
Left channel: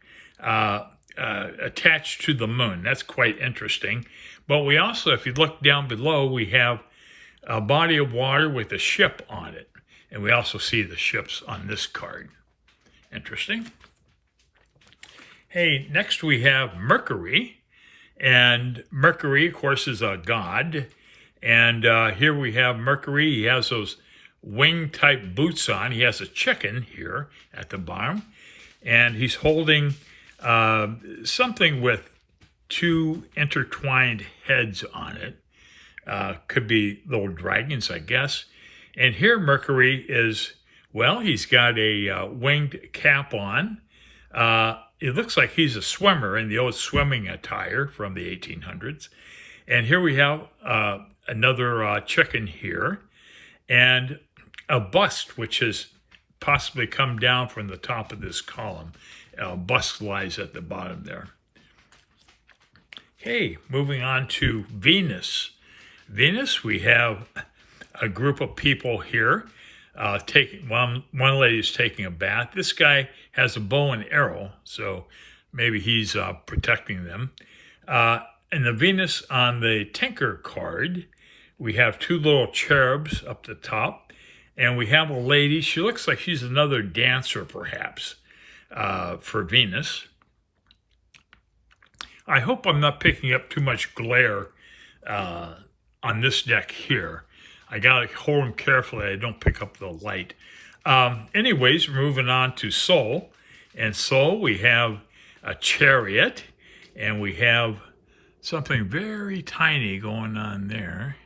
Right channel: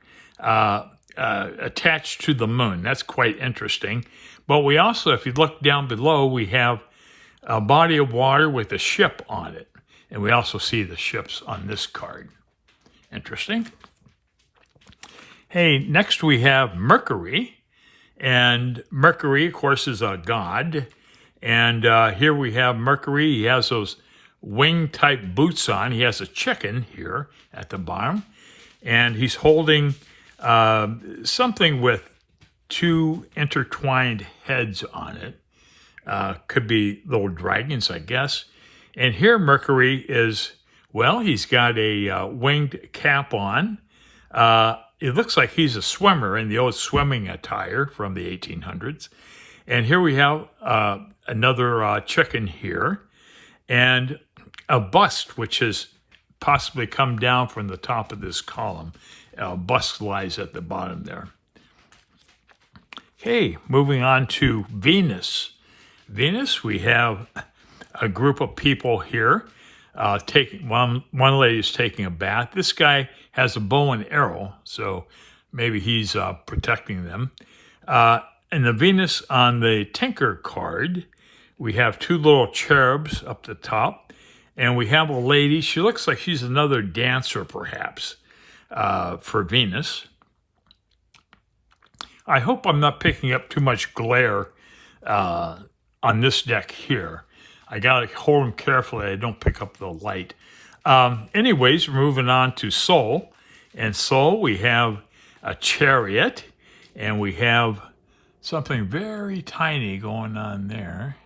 attached to the moon. That's quite interesting. But we also, if you look down below, we have a body of water with a ship on it. And we also see the ships on this card. Interesting. Hey, next we have Mercury. And Mercury, of course, is a god. And here we have Mercury. He has those wing-type boots on. He has a chicken here at the bottom. And he's holding something with two intertwined heads on it. Could be little dragons, I guess. And here Mercury is, well, he's got a winged cap on. It looks like he's a swimmer in the old swimming attire from the 1800s. And here we have another chicken here. And a bust, which has possibly come down from the top of this column. Bust lies at the bottom there. Okay, moving on to Venus. Venus, we have a group of people here. One lady is taking a bath. This guy has a bow and arrow, so maybe he's protecting them. And the Venus on the Tinker card, we have two little cherubs up the top. And we have a lady. She looks like she's another dancer, perhaps, for Venus. I hope I'm not picking up too much glare on this deck here. I got to hold them carefully. I don't pick up the light. Anyways, we're moving on to Soul. And Soul, we have a chariot, and we have something very tiny going on there.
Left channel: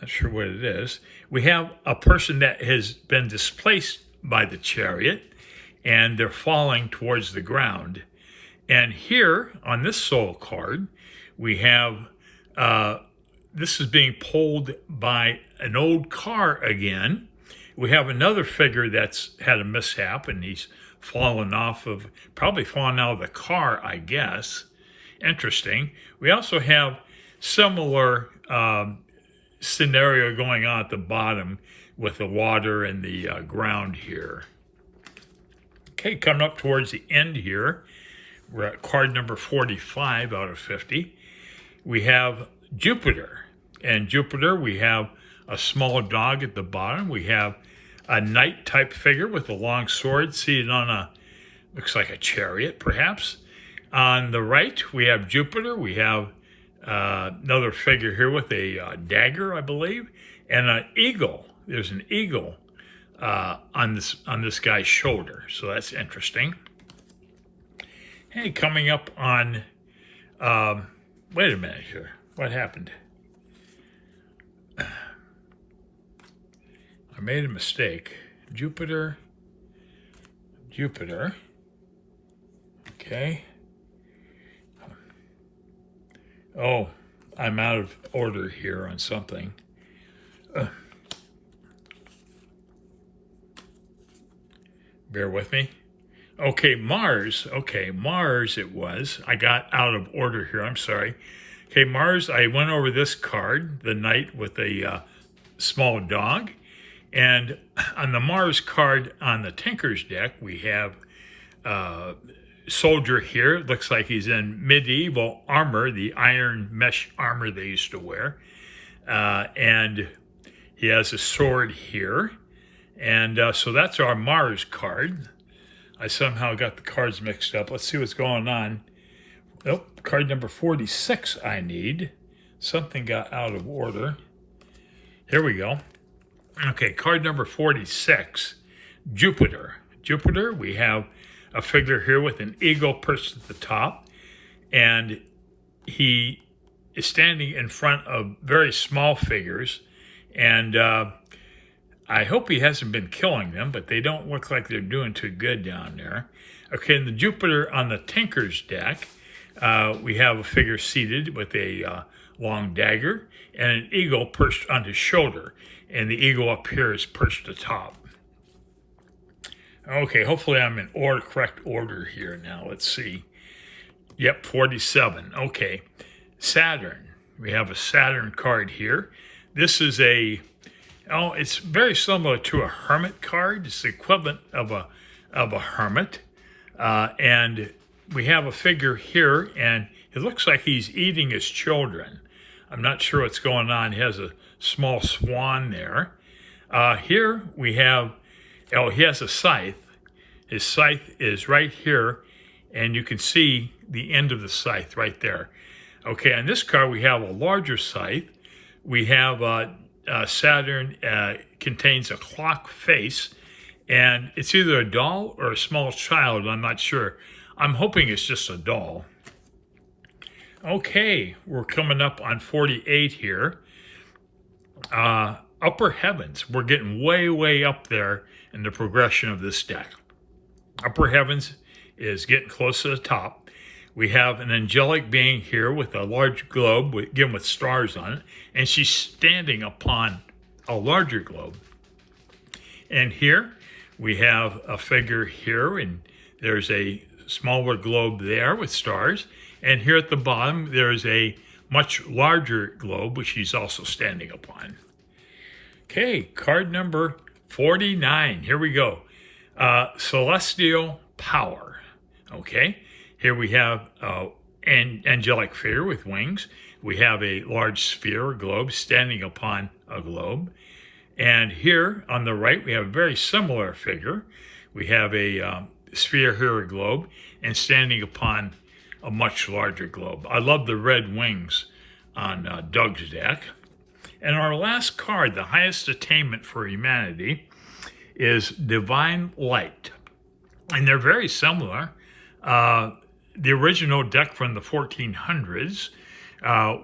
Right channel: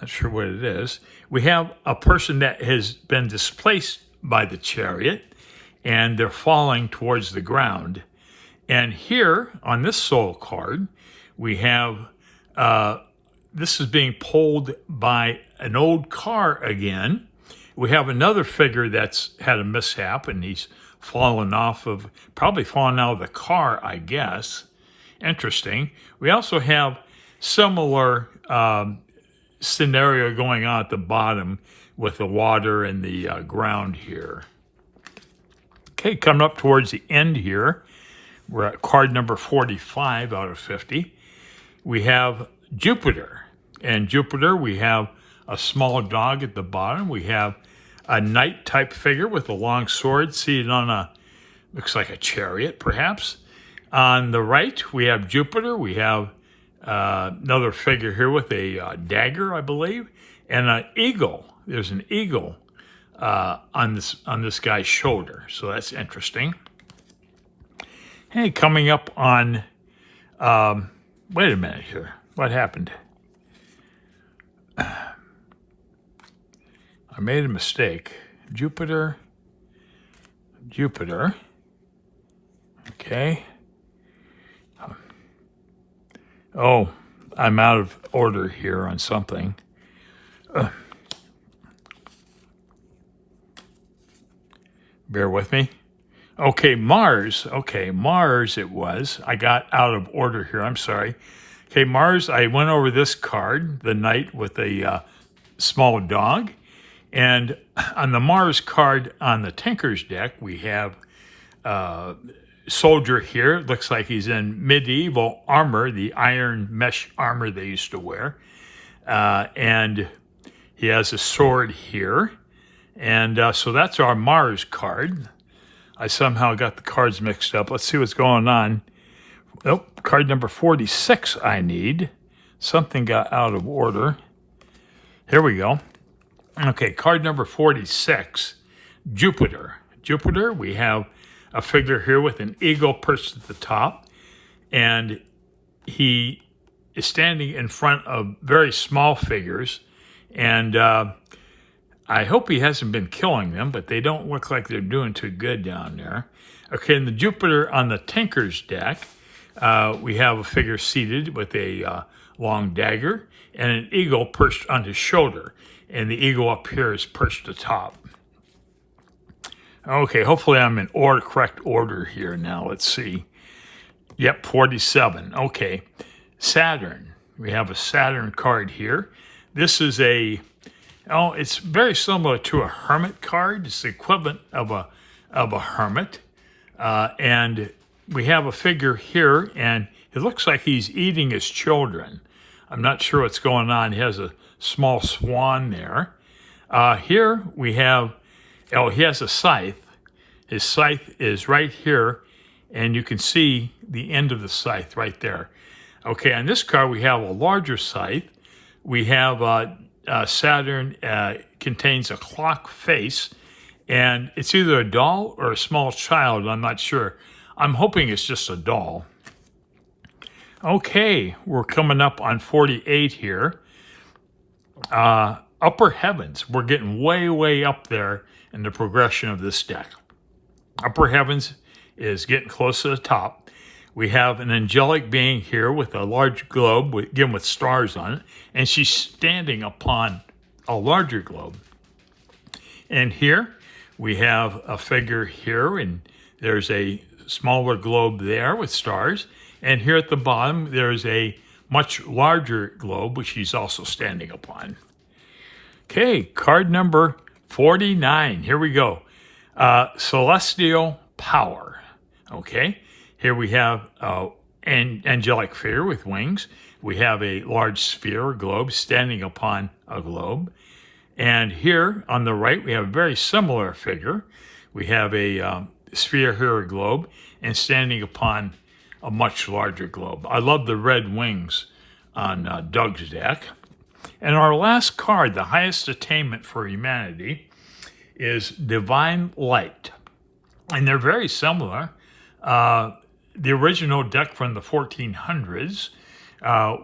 Not sure what it is. We have a person that has been displaced by the chariot, and they're falling towards the ground. And here on this Soul card, we have this is being pulled by an old car again. We have another figure that's had a mishap, and he's probably fallen out of the car, I guess. Interesting. We also have similar scenario going on at the bottom with the water and the ground here. Okay, coming up towards the end here, we're at card number 45 out of 50. We have Jupiter. And Jupiter, we have a small dog at the bottom. We have a knight-type figure with a long sword seated on looks like a chariot, perhaps. On the right, we have Jupiter. We have another figure here with a dagger, I believe, and an eagle. There's an eagle on this guy's shoulder, so that's interesting. Hey, coming up on, wait a minute here. What happened? I made a mistake. Jupiter. Okay. Oh, I'm out of order here on something. Bear with me. Okay, Mars. Okay, Mars it was. I got out of order here. I'm sorry. Okay, Mars, I went over this card, the knight with a small dog. And on the Mars card on the Tinkers deck, we have soldier here. It looks like he's in medieval armor, the iron mesh armor they used to wear. And he has a sword here. And so that's our Mars card. I somehow got the cards mixed up. Let's see what's going on. Nope, card number 46 I need. Something got out of order. Here we go. Okay, card number 46, Jupiter. Jupiter, we have a figure here with an eagle perched at the top, and he is standing in front of very small figures, and I hope he hasn't been killing them, but they don't look like they're doing too good down there. Okay, and the Jupiter on the Tinkers deck, we have a figure seated with a long dagger and an eagle perched on his shoulder. And the eagle up here is perched atop. Okay, hopefully I'm in correct order here now. Let's see. Yep, 47. Okay, Saturn. We have a Saturn card here. This is it's very similar to a hermit card. It's the equivalent of a hermit. And we have a figure here, and it looks like he's eating his children. I'm not sure what's going on. He has a small swan there. Here we have, he has a scythe. His scythe is right here, and you can see the end of the scythe right there. Okay, on this card we have a larger scythe. We have Saturn contains a clock face, and it's either a doll or a small child. I'm not sure. I'm hoping it's just a doll. Okay, we're coming up on 48 here. Upper Heavens. We're getting way up there in the progression of this deck. Upper Heavens is getting close to the top. We have an angelic being here with a large globe, again with stars on it, and she's standing upon a larger globe. And here we have a figure here, and there's a smaller globe there with stars. And here at the bottom, there's a much larger globe, which she's also standing upon. Okay, card number 49. Here we go. Celestial Power. Okay, here we have an angelic figure with wings. We have a large sphere or globe standing upon a globe. And here on the right, we have a very similar figure. We have a sphere here, a globe, and standing upon a much larger globe. I love the red wings on Doug's deck. And our last card, the highest attainment for humanity, is Divine Light. And they're very similar. The original deck from the 1400s,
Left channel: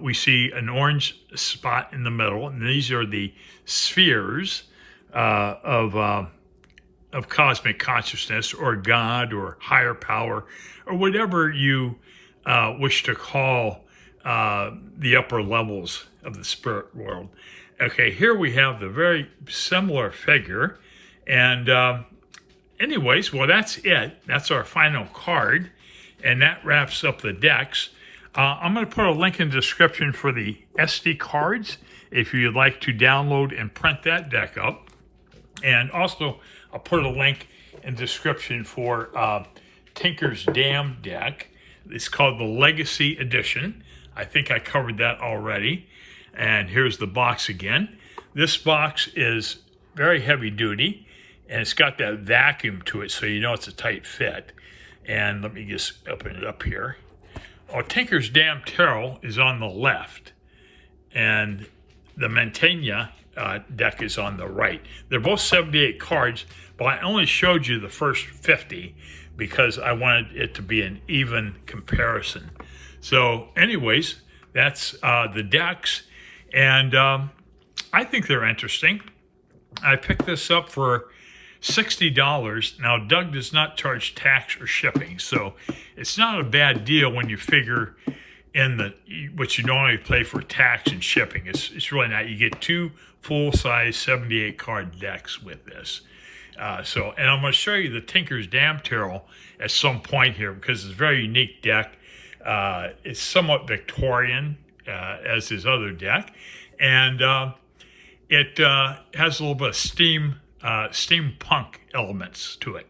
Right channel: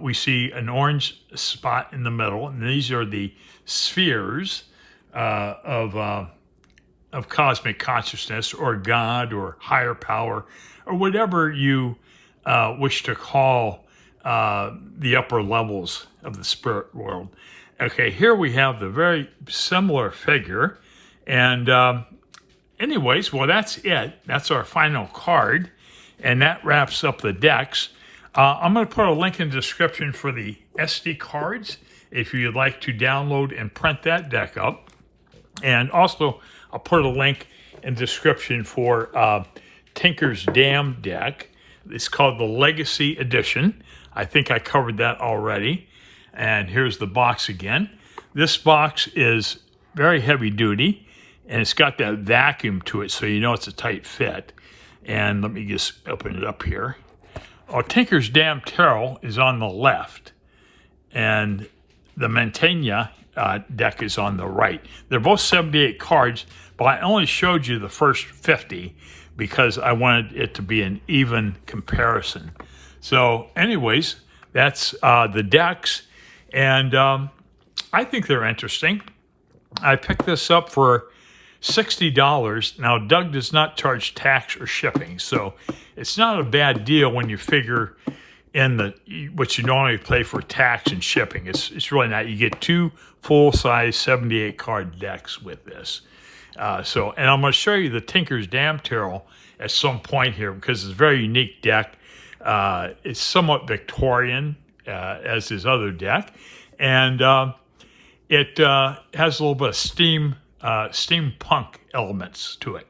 we see an orange spot in the middle, and these are the spheres of cosmic consciousness, or God, or higher power, or whatever you wish to call the upper levels of the spirit world. Okay, here we have the very similar figure, and anyways, well, that's it. That's our final card, and that wraps up the decks. I'm going to put a link in the description for the SD cards if you'd like to download and print that deck up. And also, I'll put a link in the description for Tinkers Damn deck. It's called the Legacy Edition. I think I covered that already. And here's the box again. This box is very heavy duty, and it's got that vacuum to it, so you know it's a tight fit. And let me just open it up here. Oh, Tinkers Damn Tarot is on the left, and the Mantegna deck is on the right. They're both 78 cards, but I only showed you the first 50 because I wanted it to be an even comparison. So anyways, that's the decks, and I think they're interesting. I picked this up for $60. Now, Doug does not charge tax or shipping, so it's not a bad deal when you figure in what you normally pay for tax and shipping. It's really not. You get two full-size 78-card decks with this. And I'm going to show you the Tinkers Damn Tarot at some point here because it's a very unique deck. It's somewhat Victorian, as his other deck, and it has a little bit of steampunk elements to it.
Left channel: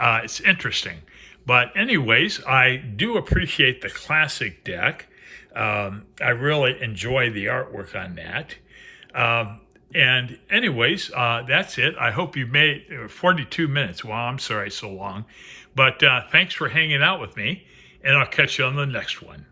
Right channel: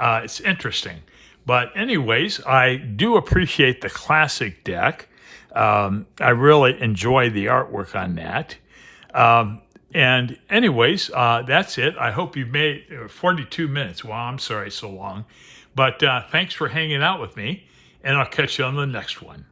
It's interesting. But anyways, I do appreciate the classic deck. I really enjoy the artwork on that. And anyways, that's it. I hope you made 42 minutes. Well, I'm sorry so long. But thanks for hanging out with me, and I'll catch you on the next one.